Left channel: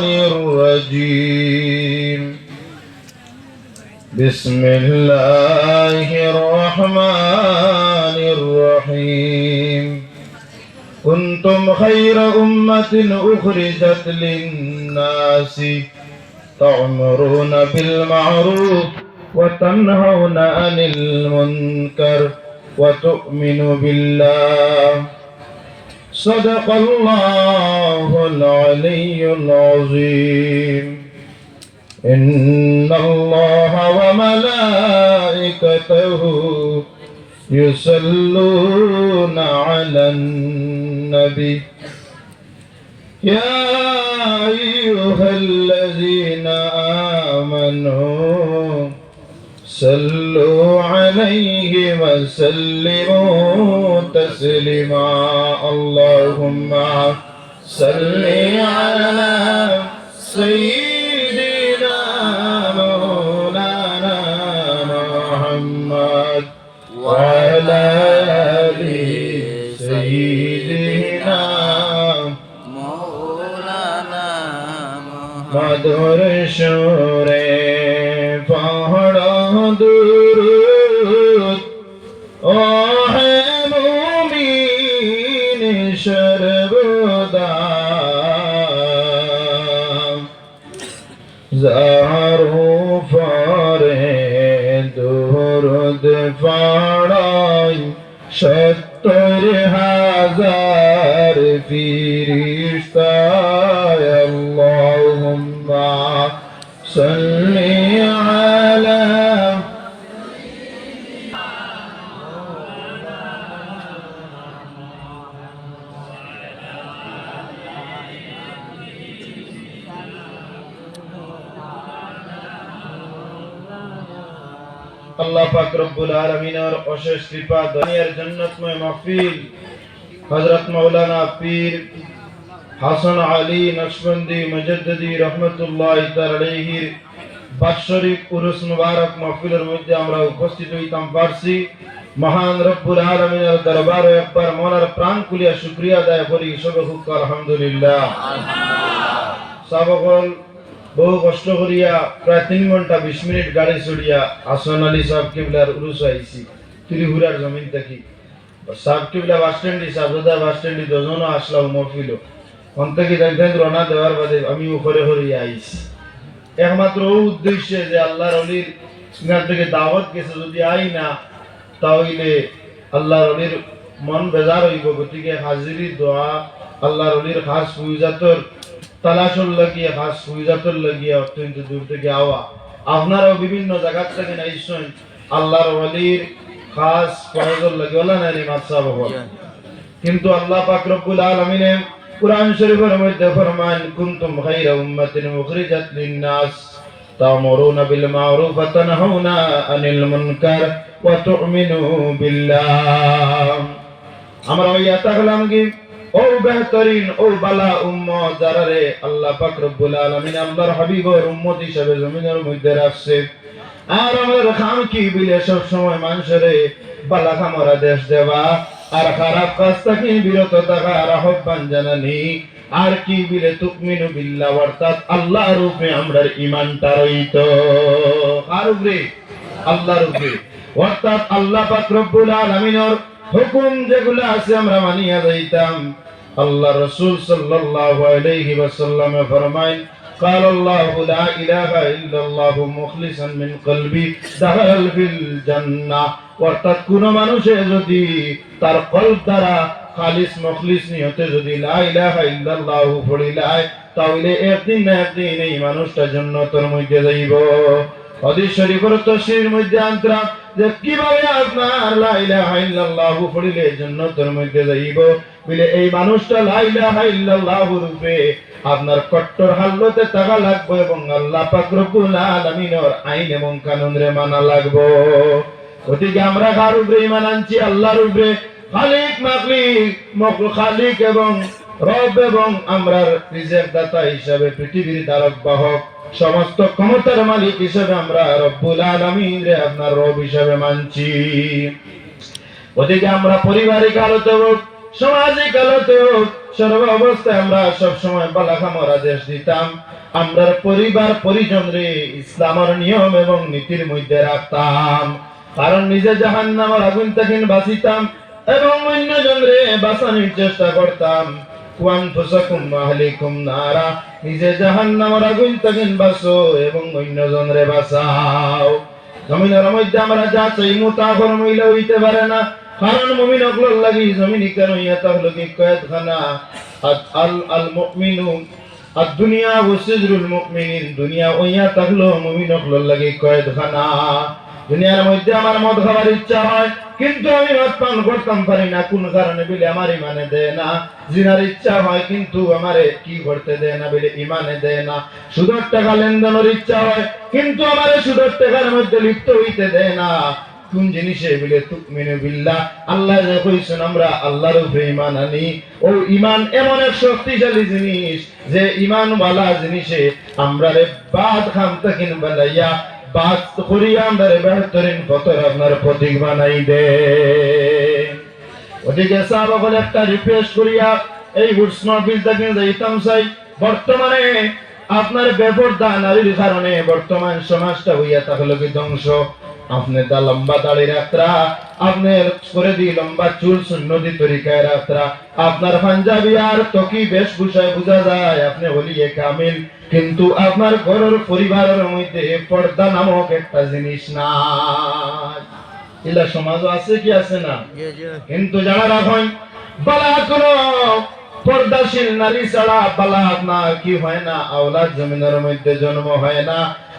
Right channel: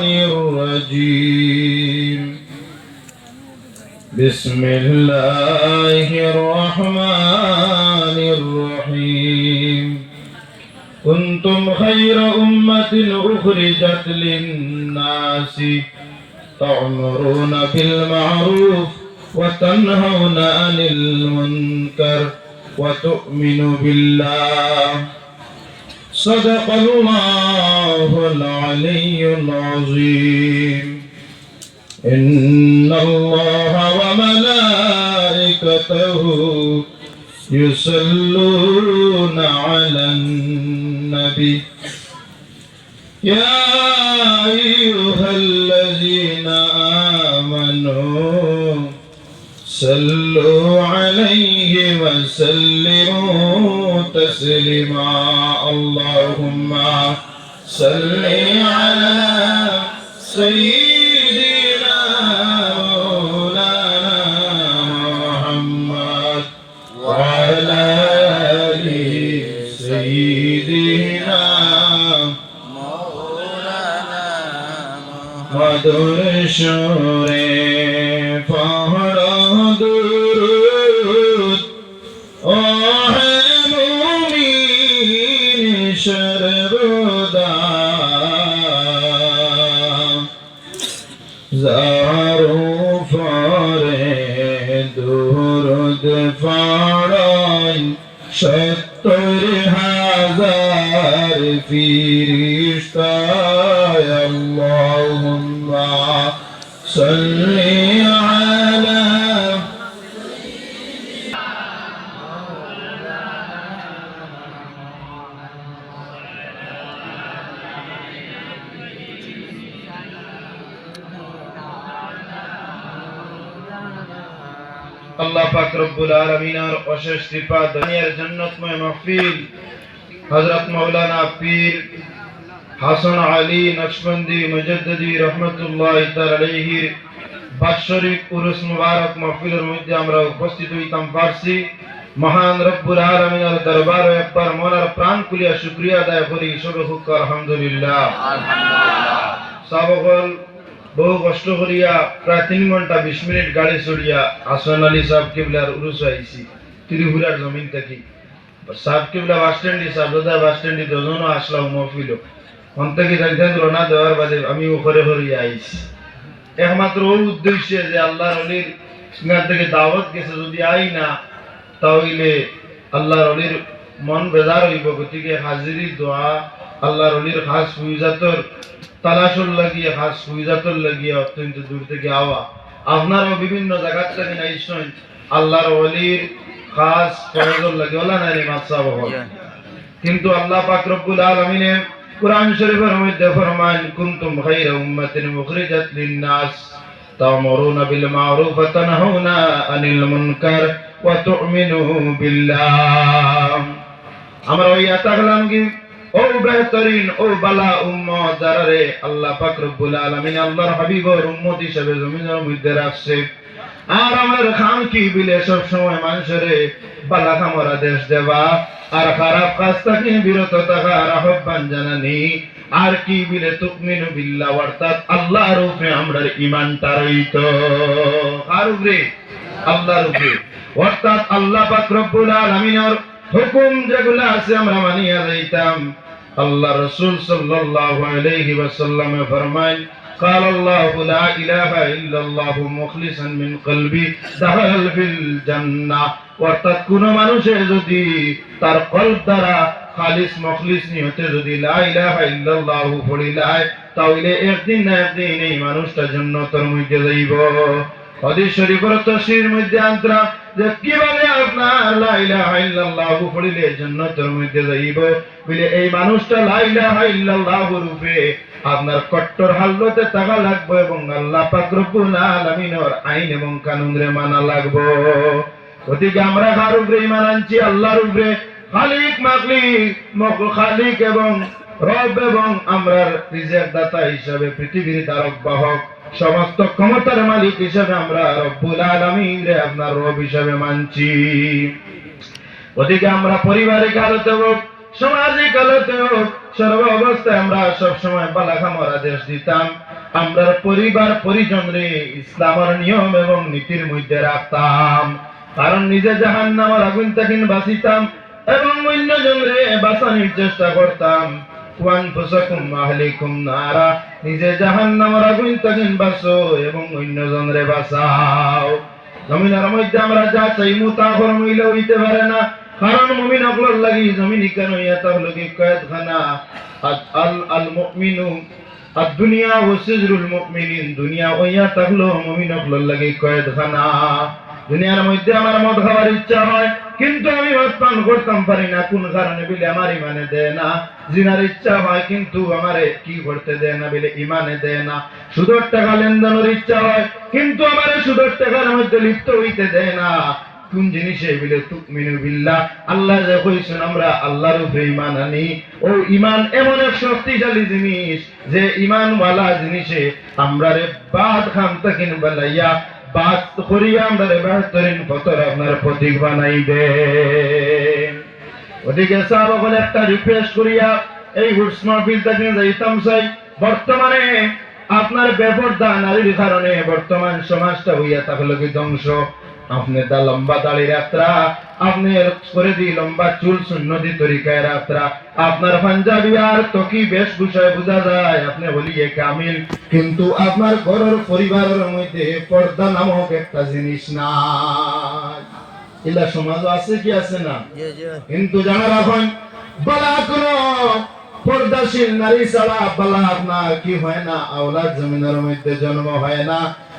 الشيطان الرجيم بسم الله الرحمن الرحيم كنتم خير أمة أخرجت للناس تأمرون بالمعروف وتنهون عن المنكر وتؤمنوا بالله صدق الله العلي العظيم. إن الله وملائكته يصلون على النبي. يا أيها الذين آمنوا صلوا عليه وسلموا تسليما. اللهم صل على سيدنا জারু ফরে দুরুদ পড়াই সত্তর আল্লাহ পাক রব্বুল আলামিনের অশেষ কৃপা দুনিয়ার জান্নাতময় মাহফিল হযরত মাওলানা পীর হাসান আলী নশবন্দি মুজাদ্দিদি রাহমাতুল্লাহ তাআলা আলাইহির বাৎসরিক উরুস মুবারক মাহফিলের মধ্যে আমরা উপস্থিত হইতাম পারছি। মহান রব্বুল আলামিনের দরবারে একবার মনের প্রাণ খুলিয়া শুকরিয়া আদায় করি। সবে হুক আলহামদুলিল্লাহ। সাবকল বহু কষ্ট করিয়া প্রায় তিন ঘণ্টা বিশ মিনিট গাড়ি চড়িয়া আসন আলী সাহেব কিবলার উরুস আইছি ত্রিপুরার জমিন থেকে। সাহেব কিবলা বাস স্ট্যান্ডে সাবরদা বাস স্ট্যান্ডে দুজনও আসলাম মফিল ওন থেকে জানতেন রওনা দেওয়ার বাদে আমি উপরে হরিয়া আইছি একমাত্র ও উদ্দেশ্যে যে আল্লাহর অলির সিঙ্গার থেকে দাওয়াত গেছে, যদি আই না, তাহলে আল্লাহর অলির মন বেজার হইব। গতিকে হাজিরি দোয়া আল্লাহর অলির খাস ফুইজাতর তালাশর লাগিয়ে খাস ফুইজাতর লাগিয়ে অত্যন্ত দূর থেকে আওয়া। আপনারাও বিভিন্ন জায়গার থেকে নাইছেন আল্লাহর অলির খাস ফয়জর লাগে। ওলা নানি মাতসা বহল কিন্তু আল্লাহ পাক রব্বুল আলামিনে কুরআন শরীফের মধ্যে ফরমান কুনতুম খায়রা উম্মাতিন উখরিজাত লিন-নাস তা'মুরুনা বিল মা'রুফ ওয়া তানহাউনা আনিল মুনকার ওয়া তু'মিনু বিল্লাহ। আমরা ওই আতাগলাম কি ও বেহতরিন ও বালা উম্মত, যারা রে আল্লাহ পাক রব্বুল আলামিন আল্লাহর হাবিবর উম্মত হিসেবে জমিনের মধ্যে রাখছে। আর আমার খাম কি বিলে সব সময় মানুষের বালা খামরা দেশ দেওয়া আর খারাপ কাজ থেকে বিরত থাকার আহ্বান জানানি। আর কি বিলে, তুকমিনু বিল্লাহ, অর্থাৎ আল্লাহর উপরে আমরার ইমানটা রইত আর উপরে? আল্লাহর উপরে। অর্থাৎ আল্লাহ পাক রব্বুল আলামিনের হুকুম যেগুলো আছে আমরা মানিয়া যাইতাম আল্লাহ রাসূল সাল্লাল্লাহু আলাইহি ওয়াসাল্লাম ফরমান قال الله لا إله إلا الله مخلصا من قلبي دخل في الجنة অর্থাৎ কোন মানুষে যদি তার কল্প দ্বারা খালিস মখলিস নিয়তে যদি লা ইলাহা ইল্লাল্লাহু পড়িলায় তাহলে একদিন না একদিন এই মানুষটা জান্নাতের মধ্যে যাইব হাদিস শরীফের তফসির মধ্যে আন্তরা আপনার বলে, এই মানুষটা রূপে আপনার কট্টর হালতে থাকা লাগবে এবং আল্লাহ পাক আইন এবং কানুন রে মানা লাগবে। গতিকে আমরা কার উপরে ইমান আনছি? আল্লাহর উপরে খালিক মাকলিক মকল খালিক এবং রব এবং আমরা রিজেক দাতা হিসাবে পৃথিবীর ধারক বাহক সমস্ত ক্ষমতার মালিক হিসাবে আমরা রব্বুল আলামিন আপনার রব হিসাবে মানছি। ওদিকে আমরা পারিবারিক আলোতে হোক, সামাজিক আলোতে হোক, সর্ব অবস্থায় আমরা সব সময় বালাখামরা দেশ দিতাম। আমরা পরিবার, পরিজন রে ইসলামের নিয়ম এবং নীতির মধ্যে রাখতাম। কারণ নিজে জাহান নামার আগুন থেকে বাঁচিতাম এবং অন্যজন রে বাঁচানোর চেষ্টা করতাম। ওয়ানফুসাকুম আহলিকুম নারা। নিজে জাহান্নামের আগুন থেকে বাঁচো এবং অন্যজনরে বাঁচাও। জমিনের মধ্যে আমরা যা চাইমু তা মইলে হইতে পারে না। কারণ মুমিন অগলর লাগি জমিন কেন ইয়া তার লোকে কয়েদখানা আল আল মুমিনু আর দুনিয়া ও সিজরুল মুমিনিন, দুনিয়া ওয়া তাকলো মুমিন অগলর লাগি কয়েদখানা দুনিয়ার মধ্যে আমার মদ খাওয়ার ইচ্ছা হয়, কিন্তু আমি মদ পান করতাম পারি না, কোন কারণে বলে আমার ইমানে দেয় না। জিনার ইচ্ছা হয়, কিন্তু আমারে কি করতে দেয় না বলে ইমানে দেয় না। সুদর টাকা লেনদেনের ইচ্ছা হয়, কিন্তু আমারে সুদর টাকার মধ্যে লিপ্ত হইতে দেয় না। কোন জিনিসে বলে, তুমিনু বিল্লাহ, আল্লাহ যে কইছেন, আমরা আল্লাহর উপরে ঈমান আনি। ও ঈমান এমন এক শক্তিশালী জিনিস, যে ঈমান ওয়ালা জিনিসে আমরা রে বাদ খাম তাকিন বালাইয়া বাদ করিয়া আমরা বেহতরিন ফতর আপনার প্রতীক বানাই দে ওদিকে সাহাবাগণ একটা রিকোয়েস্ট এই মাহফিল যাইতাম চাই বর্তমানে আপনার বেপরদা নারীর কারণে বর্তমান সমাজটা হইয়া তাহলে কি ধ্বংস? আপনি তা লম্বা দাড়ি যাত্রা আপনি করে দি লম্বা চুল সুন্নতি তরিকায় যাত্রা আপনার পাঞ্জাবি আর তকি বেশভূষায় বোঝা যায় আপনি হলিয়ে কামিল কিন্তু আপনার ঘরের পরিবারের মধ্যে পর্দা নামক একটা জিনিস নাই ইলা সমাজ আছে কি আছে না কিন্তু যারা রাখেন বালা কোনো পর্দাশীল নারী ছাড়া বালা আপনার কি হয় না আওলাদ জমিনের মধ্যে জন্ম হয় না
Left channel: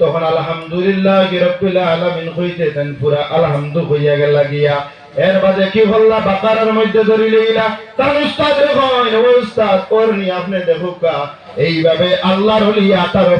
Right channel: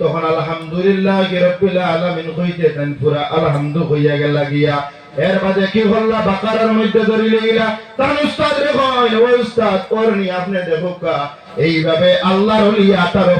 তখন আলহামদুলিল্লাহ আলামিন হইতে পুরা আলহামদু হইয়া গেল গিয়া। এর কি হল্লা বাকারের মধ্যে ধরিলে ইলা তার উস্তাদ ও উস্তাদ, ওর নি আপনি দেখুকা এইভাবে আল্লাহর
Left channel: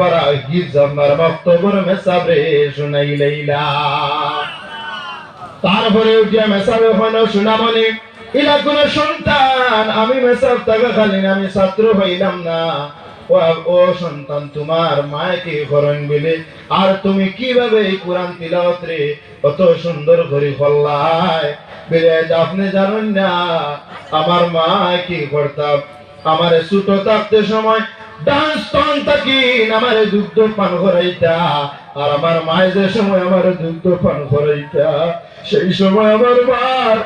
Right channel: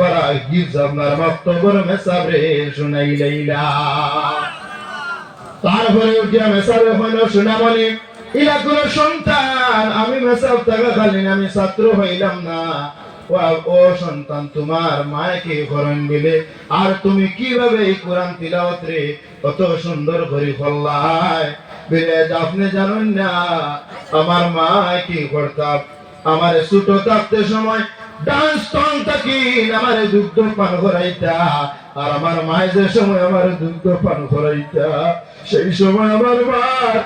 পারা গিজ আপনার মক্তবর মেসাবে শুনাইলেইলা তারপরে উঠিয়া মেসাবে সন্তান, আমি মেসাব টাকা খালি আমি ছাত্র হইলাম না। ও সন্তান, তোমার মায়কে করেন বলে আর তুমি কীভাবে এই কোরআন তিলাওয়াত অত সুন্দর করে ফল্লায় বিরাজ আপনি জানেন না, আমার মা করতাম? আমার ছোট থাকতে সময় ডান্স তন থাকি আমারে দুগ্ধ পান করাইতা। আর আমার মায়ের সময় আমার দুগ্ধ পান করাইতা, সেই সময় আমার থাকা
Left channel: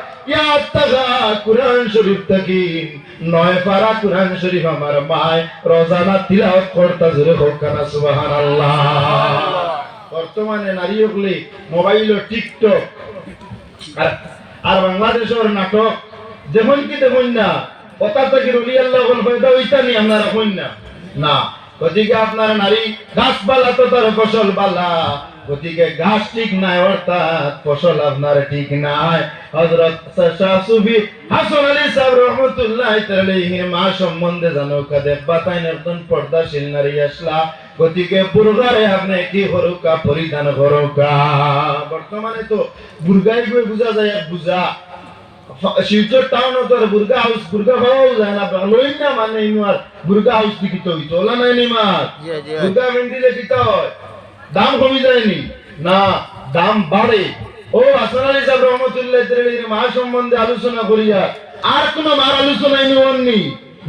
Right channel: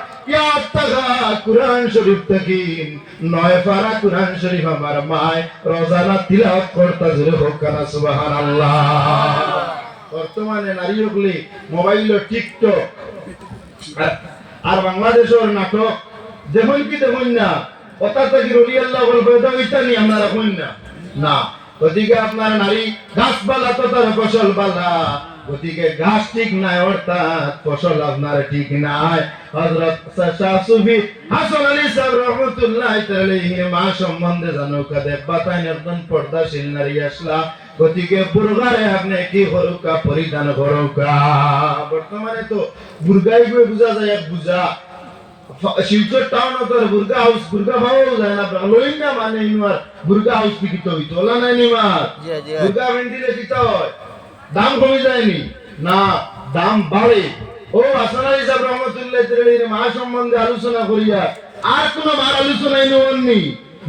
বর্তমানে নারীগুলি মোবাইল টিকটক আর- আর বাংলাদেশের নাটক, যেমন কি দেখুন না কথা থেকে রুলি আল্লাহ বলবে ওইটা নিয়ে আপনারা না। না, ওদিকে আপনার নারী গাছপালা তো তার ফসল বালা ওদিকে গাছ ঠিক নাই অর্থাৎ ফসল আপনার ঠিক নাই। হযরত শাহ সুফি হাসান আলী সাহেব রহমতুল্লাহ তাআলাইহির মা সম্বন্ধে জানো কাদে বাতাইন একজন পর্দাশীল নারী আসলা। গতিকে বুর্গারে আপনি কি হরুকা পরিধান হরুকা। বর্তমানে তো বুর্গাই গুলো বুঝা যায় বুঝা শিলচর টাউন তোর বুর্গা হাউস বুর্গা হাউস যায় না না মানে ইমার বুর্গা হাউস হইতো। ওলা নাই নিমার বুর্গা ভেন্ডিলে কিতা হয়। দাম কমে যায়নি। না, দাম বাড়ে। ও সাহেব রহমতুল্লাহ মা সম্বন্ধে আলোচনা করিয়া আর কোন মার আলোচনাই নেওয়াননি।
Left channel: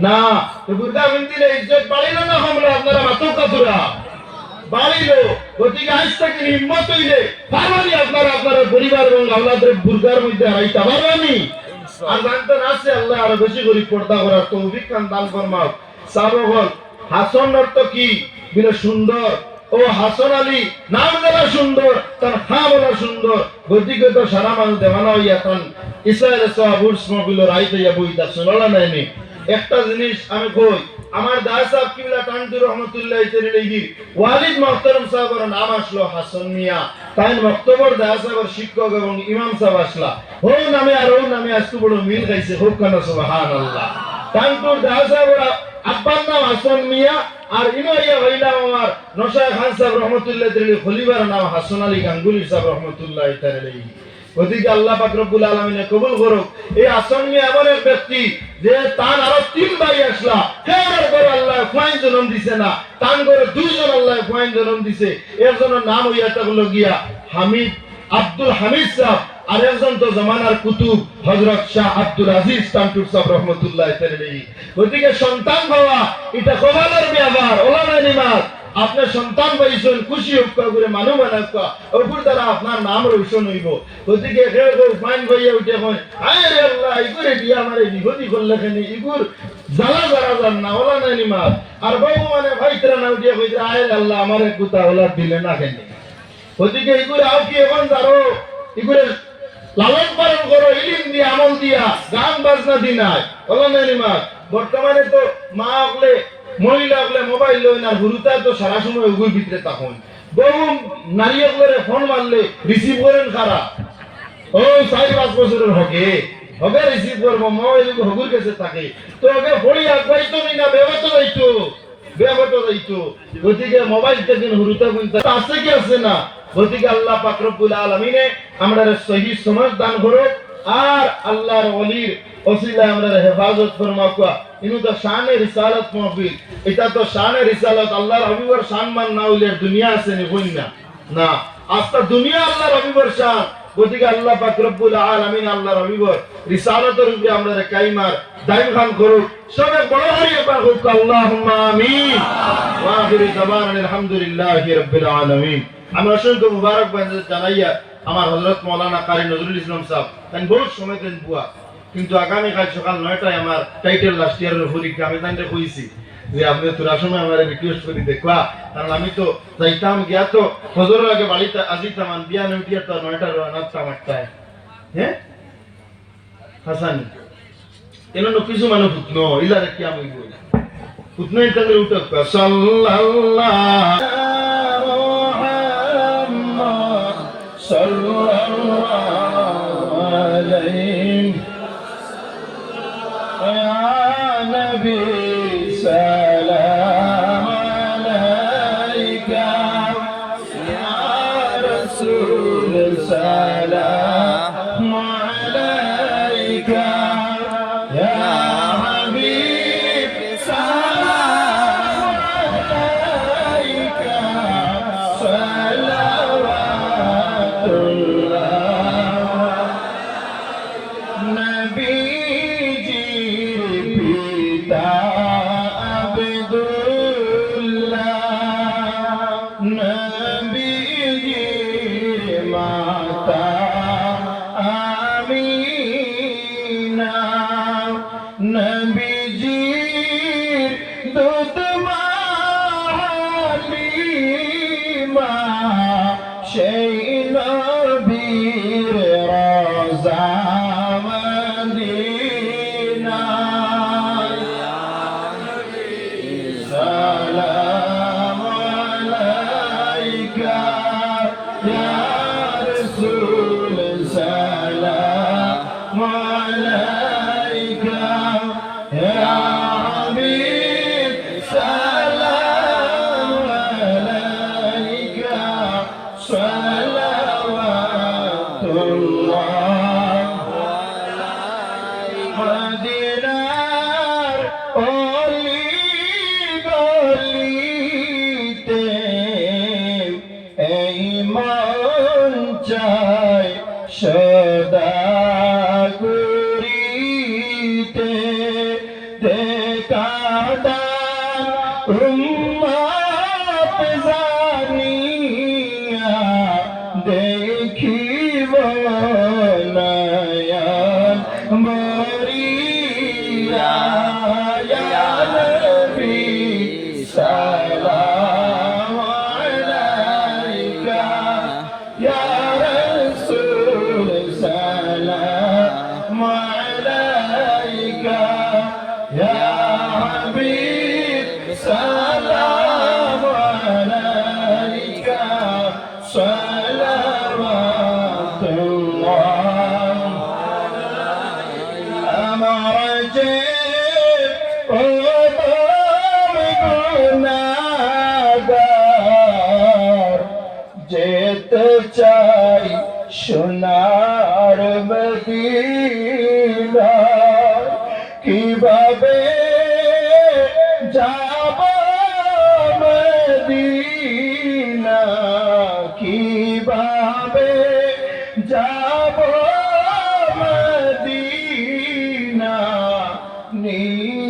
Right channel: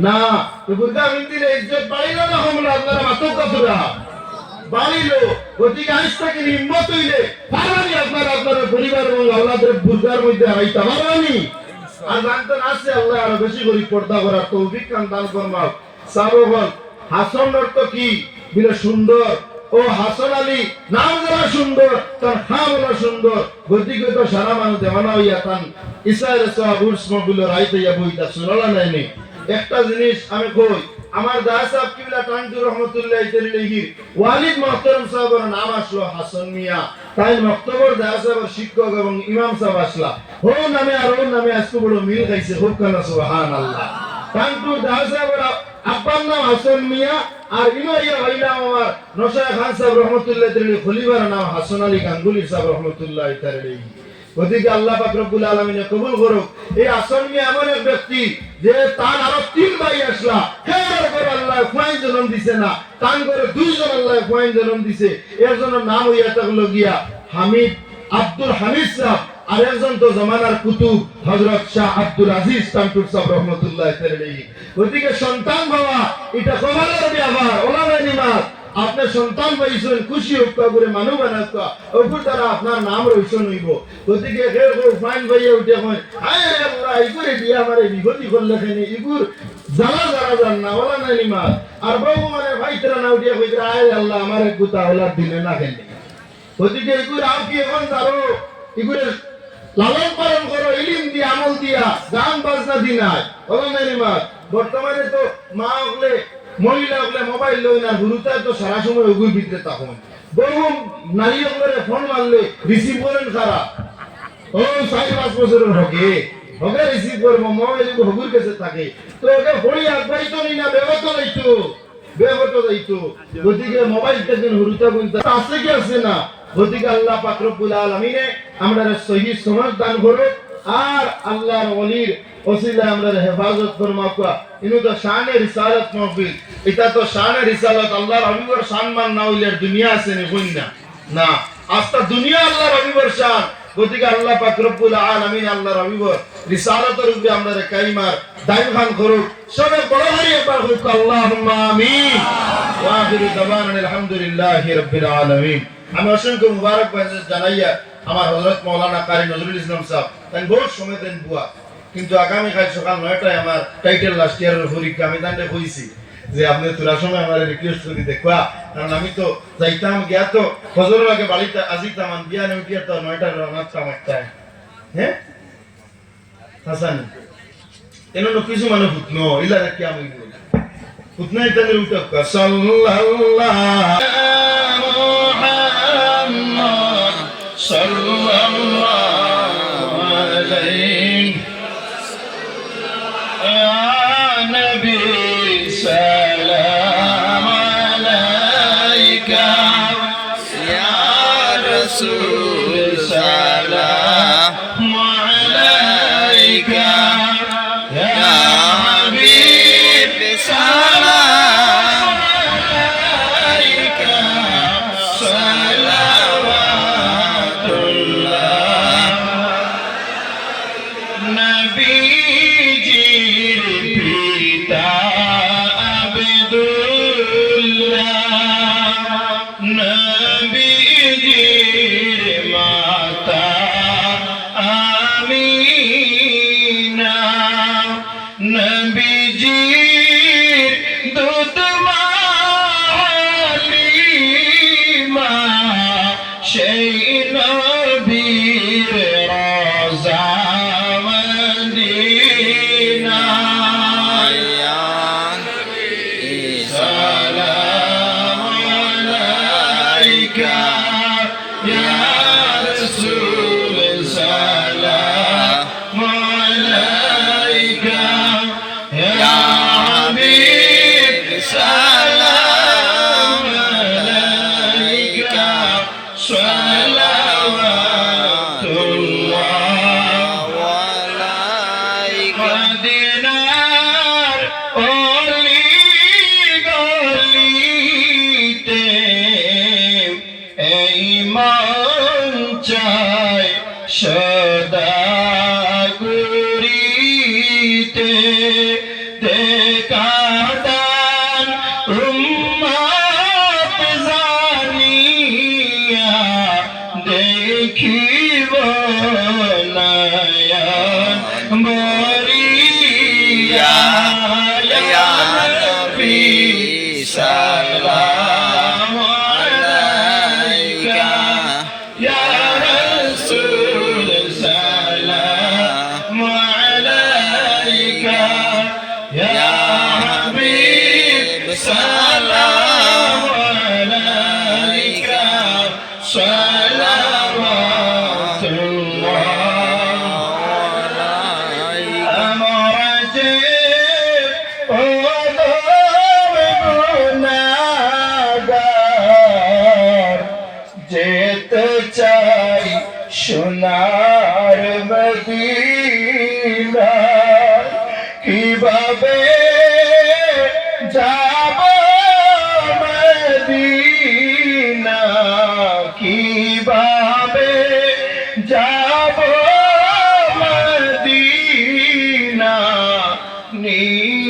না বুর্গা ভেন্ডিলে ইজ্জত বাড়িল না আমরা আপনারা মাথা কতটা বাড়িল গতিকে আজ থেকে হিম্মত হইলে পারবানি আপনারা আপনার পরিবার এবং আল্লাহদের বুর্গার মধ্যে হারাইতে পারবানি। আর জানতেন আল্লাহ আরও বেশি করে পর্দা করার তৌফিক দান ফরমাক সারবল হাসন অর্থ কি? বিরে সুন্দর। ও হাসন আলী, নাম যারা সুন্দর, তার খা বলা সুন্দর। গতিকে তো সারা মানুষ দেওয়ানা হইয়া তান ইসরায়েল সাহাব উর্স রাইতে ইয়া বইতা শুনলা নাইনি একটা জিনিস আমি কই, আমার দাস সাহেব কিবলা তানজুর রহমতুল্লাহ তাআলাহি ওয়ালিদ মুহতারাম সাহেবের নাম আসলো হাসান মিয়া। তাই মক্তবর দাস সাহেবের শিক্ষক এবং ইমাম সাহেব আসলা। হো নামে আর নামে আজকে বড় মিল গাইছে হোক কেন, সুবহানাল্লাহ। তানপুর দাস সাহেবের আব্বার নাম হাসান মিয়া আর ইনোয়া ভাইলাম আমার নশায় খান সাহেব রহমতুল্লাহ খলিফার নাম হাসান আলী গাঙ্গুলি সাহেব রহমতুল্লাহ আল্লাহ পাক রব্বুল আলামিনে কবুল করুক। এই আসন নিয়ে এমন এক ব্যক্তি যে তার আরও তিন ভাই আসলা। হেবার করে আল্লাহ জন্ম দিছে না। তান করে দুইজন আল্লাহ খুয়াইন জন্ম দিছে। এর জন্য নাম হইয়া থাকল গিয়া হামিদ আব্দুল হামিদ সাহ আর একজন তো জমানার কুতুব, হযরত শাহ আব্দুল আজিজ তান্টুর সাহেব রহমতুল্লাহ গতিকে সন্তান বাবা এটা কমালের ব্যাপার ওলামা নিমাত। আপনার সন্তান পাইছেন খুশি হোক করে মানুষ বানাক ওপর দ্বারা আপনার নাম রোশন হইব। গতিকে ফাইন ভাইয়া উঠে কয়, আয় রে আল্লাহ, ইগুরে দিয়া আমারে বিপত্তি করলে খেনি ইগুর জ্বালা জান না ওলা নাই নিমা আর বউ মানে ভাই তোরা না উঠিয়া কইতে, আয় আল্লাহ, আমারে গুতা ওলা দিলে না খেনি গতিকে ইগুরে আও কি এখন জানো ইগুরে লালন পালন করো, ইলিম দিয়া, আমল দিয়া, গান বাজনা নাই। বর্তমানে তো মা বলে মহিলা বলে মোবাইল লই না গুরুতা তো সারা সময় উগুর ভিতরে তখন। বহু নারী বলে ফোন মারলে রিসিভ করেন খারা ও, চার পাঁচ বছরের হবে হবে রিসিভ করব, মোবাইল হগুর কাছে থাকে। তো ওকে আগবাড়িত নেই না বেগত যাইতো বেগত যাইতো গতিকে মোবাইল থেকে হুরুতা বলতে আছে কি আছে না? গতিকে আল্লাহ পাক রব্বুল আলামিনে আমরা সহি সমাজ দান করো আর আল্লাহর ওলির ওসিলা আমরা হেফাজত ফরমা কুয়া। ইনু তো শানে রিসালাত মাহফিল। এটা তো শানে রিসালাত আল্লাহর হাবিবর সম্মান না হইলে দুনিয়া আছে নি না। না আস্তা দুনিয়া আল্লাহর হাবিবর শান। গতিকে আল্লাহ কাইমার দাইম খান করুক সবে বড় হোক আমিন। দাওয়ানা আলহামদুলিল্লাহি রাব্বিল আলামিন। আমি অসংখ্য মুবারকবাদ জানাইয়া আমার মাওলানা কারি নজরুল ইসলাম সাহেব তাই বহু সময় দেন বুয়া, কিন্তু আগামী কাল সকাল নয়টায় আমার টাইটেল লাস্ট ইয়ারের পরীক্ষা আমি তান্ডে কইছি। যে আপনি তোরা সময় আমার রিকোয়েস্ট করি, দেখবা। কারণ আমি তো যাইতাম, গিয়া তো ফজরের আগে বাড়িতে আজিতাম আন বিয়া উঠিয়া তো নয়টা রানাতাম একটায় হ্যাঁ হাসান কিছু মানে ইলা আমি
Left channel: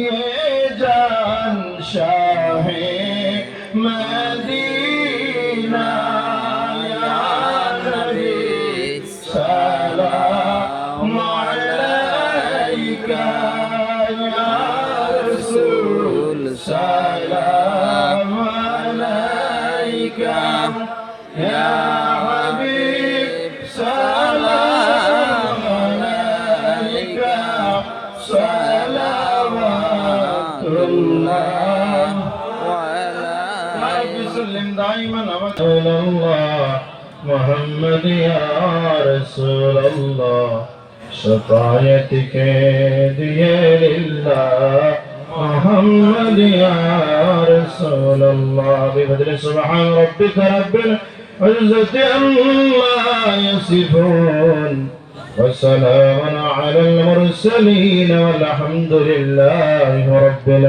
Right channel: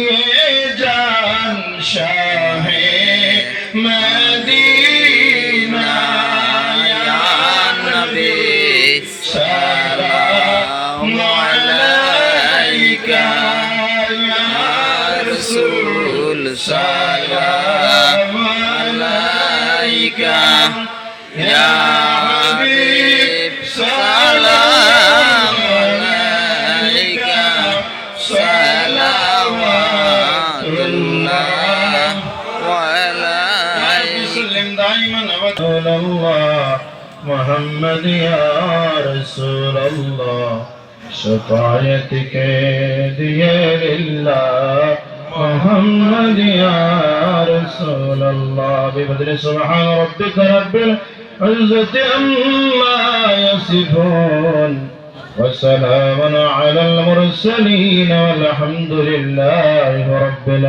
নিয়ে যান শাহে মদিনা নবী সালাম আলাইকা রসুল সালাম আলাইকা ইয়া دائما الله محمد يا رسول الله شفاعتك ديه لله محمد يا رسول الله بفضل سبحان ربك رب العزة عما يصفون وسلام على المرسلين والحمد لله رب العالمين.